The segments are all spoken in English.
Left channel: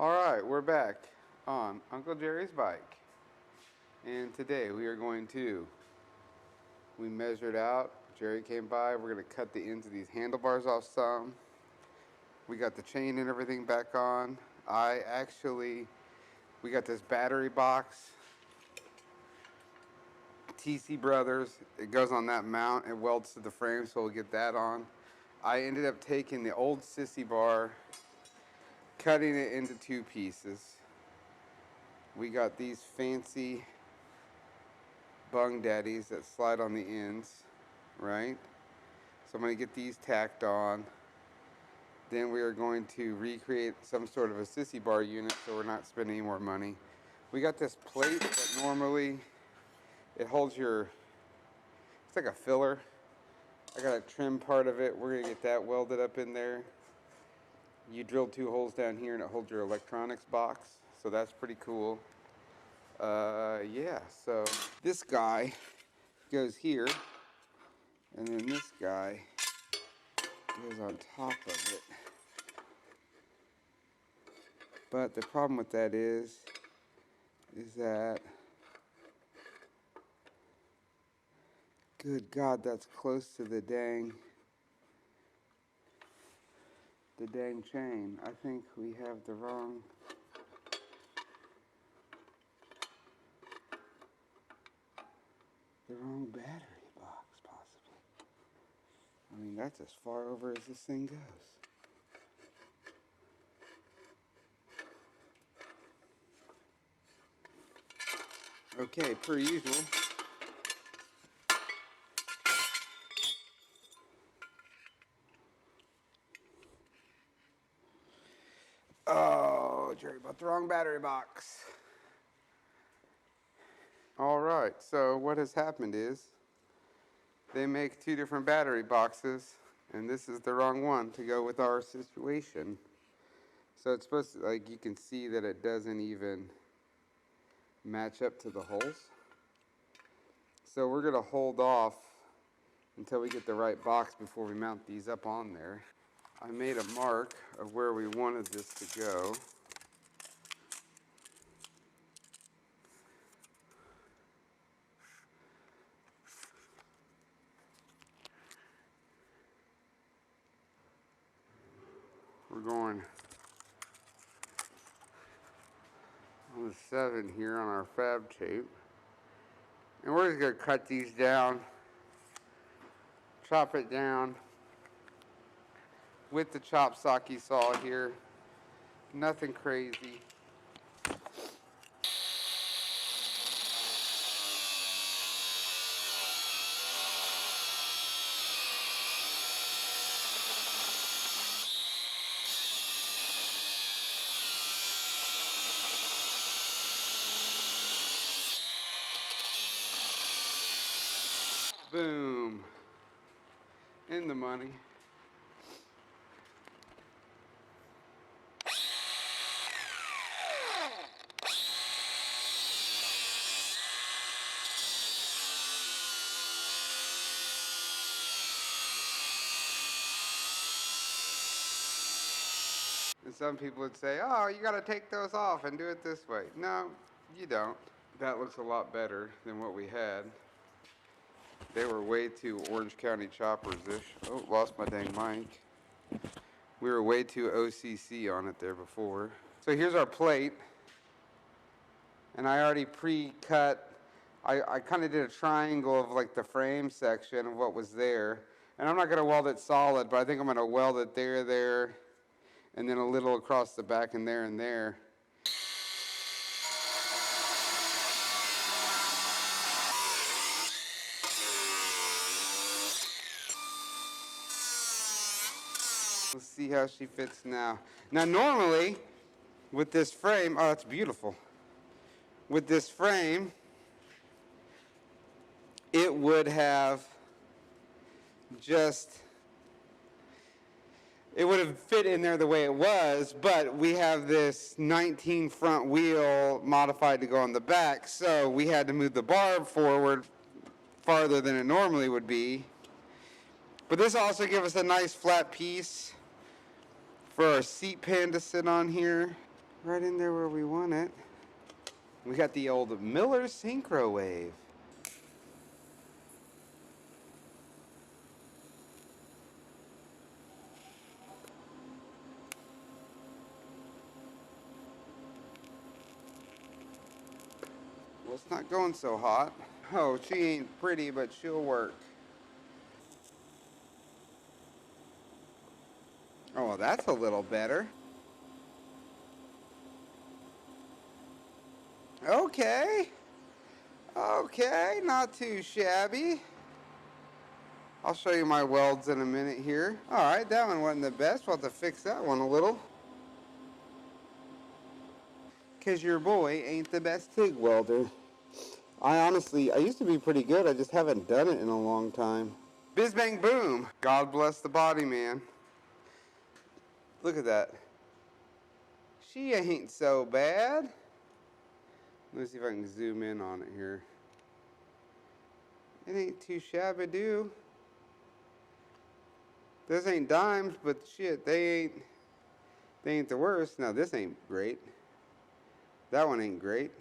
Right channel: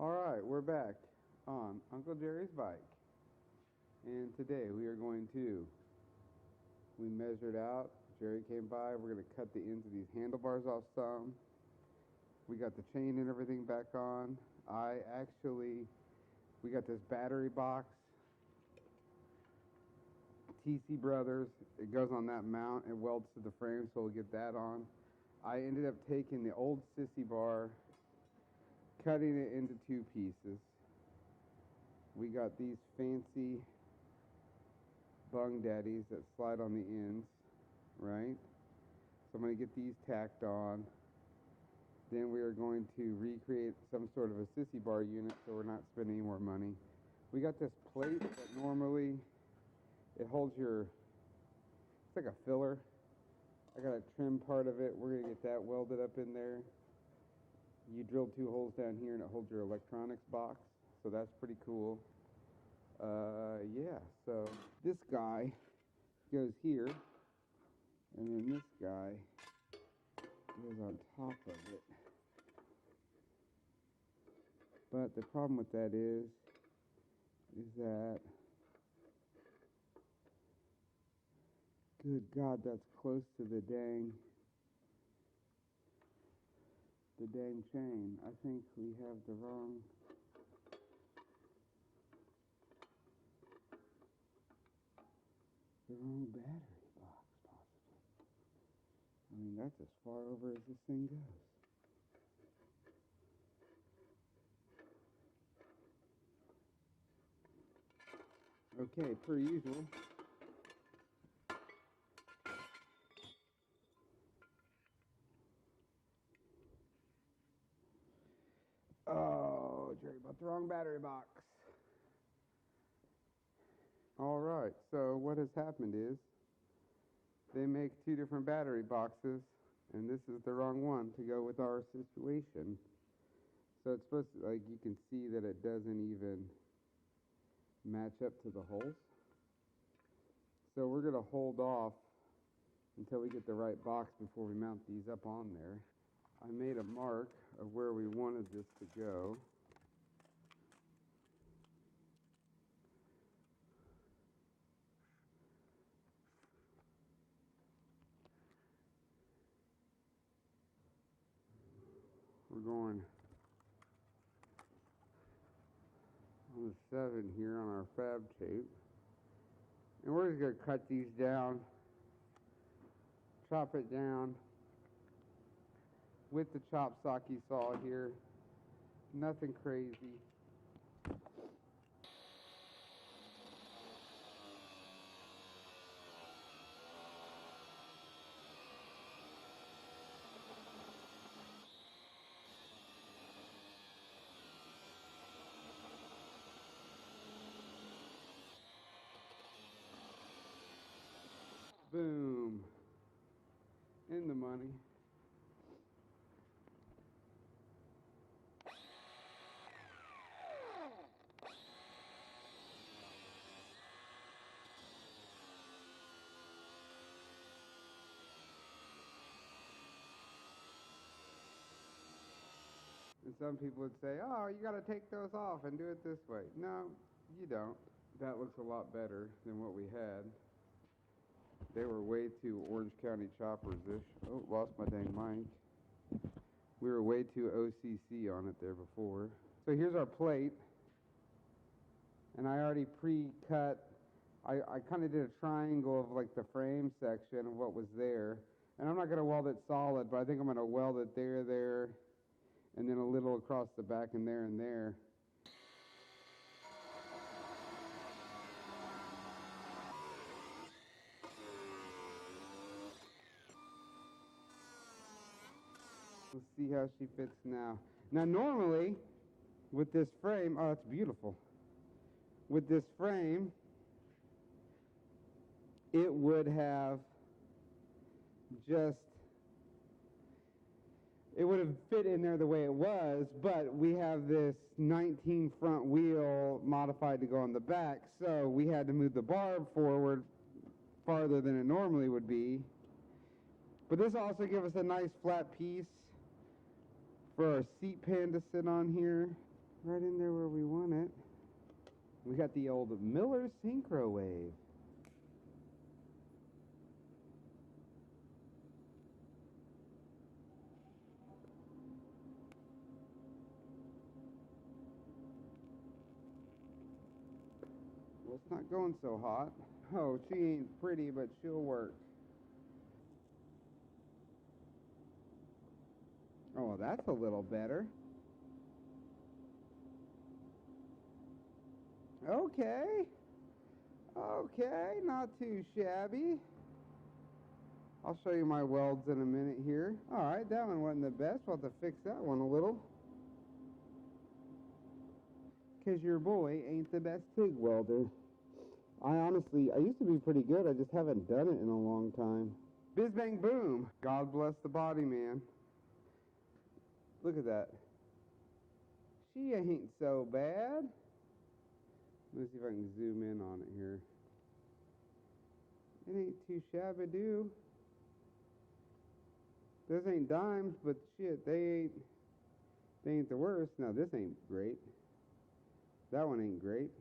Alright, we're back on Uncle Jerry's bike. And today we measured out. Jerry came by. We're going to cut the ends of these handlebars off some. We got the chain and everything back on. We got this battery box. TC Brothers. It goes on that mount. It welds to the frame, so we'll get that on. I ended up taking the old sissy bar, cutting it into two pieces. We got these fancy bung daddies that slide on the ends, right? So I'm going to get these tacked on. Then we are going to recreate some sort of a sissy bar unit so we're not spending any more money. We got this plate that normally it holds it's like a filler. I got to trim part of it. We're going to get that welded up in there. You drill 2 holes down here and it holds your electronics box. So that's pretty cool. Yeah, so this guy goes here, and then this guy goes on top of it. But the problem with that is that, good God, that's close to the dang chain. I think we have the wrong battery box, possibly. I mean, that's as far over as this thing goes. Okay, per usual. Oh, Jerry bought the wrong battery box. Alright, so what has happened is they make 2 different battery boxes, and this is the wrong one to go with our situation. So it's supposed to, like, you can see that it doesn't even match up to the holes. So we're going to hold off until we get the right box before we mount these up on there. I made a mark of where we wanted this to go. We're going on the 7 here on our fab tape. And we're just going to cut these down, chop it down with the chop socky saw here. Nothing crazy. Boom. In the money. And some people would say, oh, you got to take those off and do it this way. No, you don't. That looks a lot better than what we had. They were way too Orange County Choppers-ish. Oh, lost my dang mic. We were way too OCC on it there before. So here's our plate. And I already pre-cut. I kind of did a triangle of like the frame section of what was there. And I'm not going to weld it solid, but I think I'm going to weld it there, and then a little across the back and there. Let's see how she fits now. Now normally, with this frame, oh, that's beautiful. With this frame, it would have it would have fit in there the way it was, but we have this 19 front wheel modified to go on the back, so we had to move the barb forward farther than it normally would be. But this also gives us a nice flat piece for our seat pan to sit on here. Right in there where we want it. We got the old Miller Synchro Wave. Well, it's not going so hot. Oh, she ain't pretty, but she'll work. Oh, well, that's a little better. Okay. Okay, not too shabby. I'll show you my welds in a minute here. Alright, that one wasn't the best. We'll have to fix that one a little. Because your boy ain't the best TIG welder. I used to be pretty good. I just haven't done it in a long time. Biz bang boom. God bless the body, man. Look at that. She ain't so bad. Let me see if I can zoom in on it here. It ain't too shabby do. This ain't dimes, but shit, they ain't the worst. Now this ain't great. That one ain't great.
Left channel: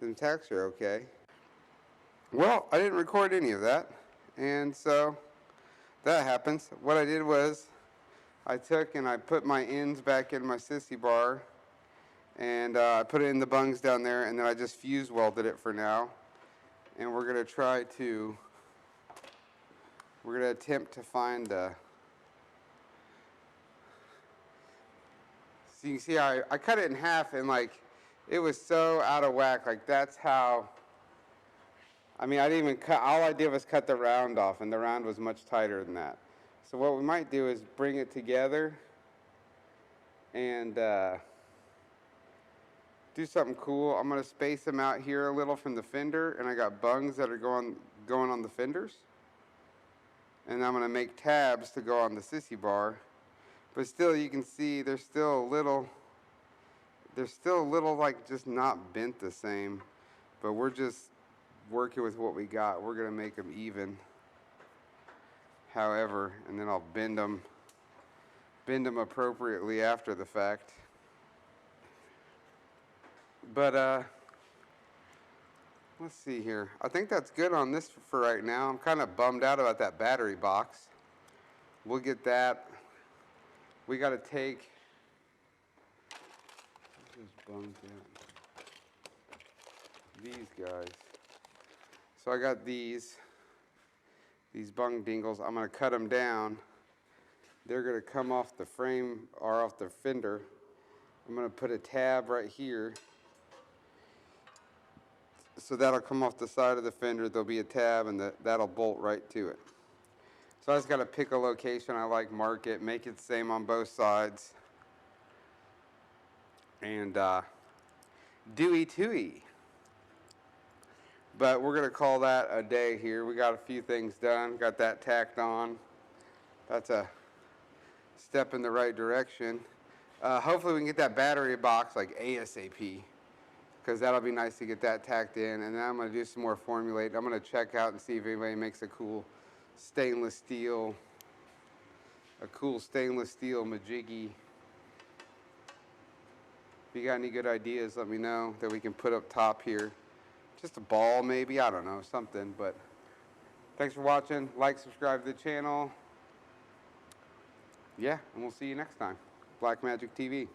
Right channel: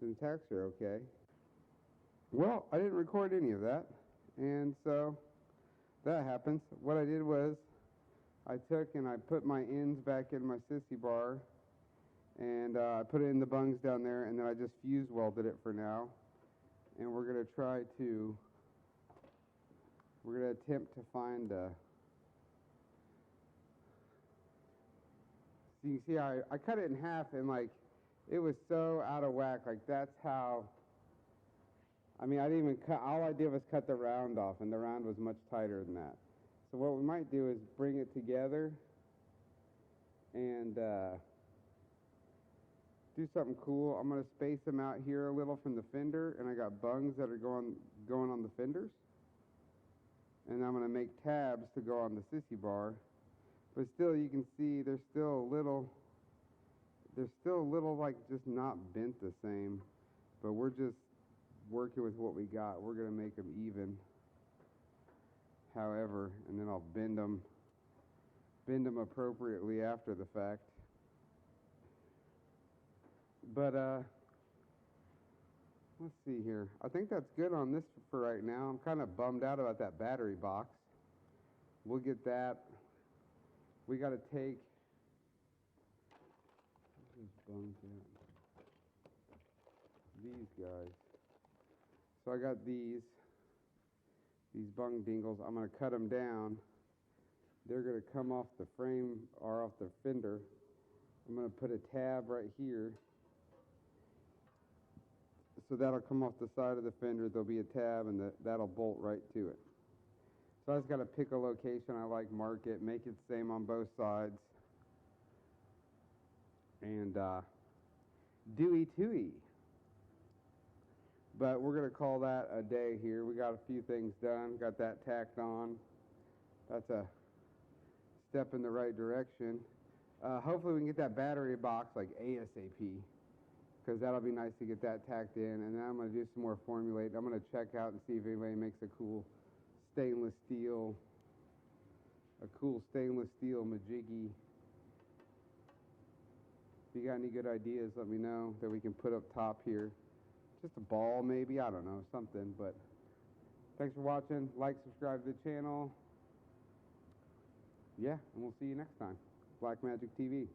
Them tacks are okay. Well, I didn't record any of that, and so that happens. What I did was I took and I put my ends back in my sissy bar, and I put it in the bungs down there, and then I just fuse welded it for now. And we're gonna attempt to find so you can see I cut it in half, and like it was so out of whack. Like that's how, I mean, I didn't even cut, all I did was cut the round off, and the round was much tighter than that. So what we might do is bring it together and do something cool. I'm gonna space them out here a little from the fender, and I got bungs that are going on the fenders. And I'm gonna make tabs to go on the sissy bar. But still, you can see they're still a little like just not bent the same. But we're just working with what we got. We're gonna make them even. However, and then I'll bend them appropriately after the fact. But let's see here. I think that's good on this for right now. I'm kind of bummed out about that battery box. We'll get that. We got to take. These guys. So I got these bung dingles. I'm going to cut them down. They're going to come off the frame or off the fender. I'm going to put a tab right here. So that'll come off the side of the fender. There'll be a tab, and that'll bolt right to it. So I just got to pick a location I like, mark it, make it the same on both sides. And dooey tooey. But we're going to call that a day here. We got a few things done. Got that tacked on. That's a step in the right direction. Hopefully we can get that battery box like ASAP, because that'll be nice to get that tacked in. And then I'm going to do some more formulate. I'm going to check out and see if anybody makes a cool stainless steel MAGICK. If you got any good ideas, let me know that we can put up top here. Just a ball maybe, I don't know, something. But thanks for watching. Like, subscribe to the channel. Yeah, and we'll see you next time. Black Magic TV.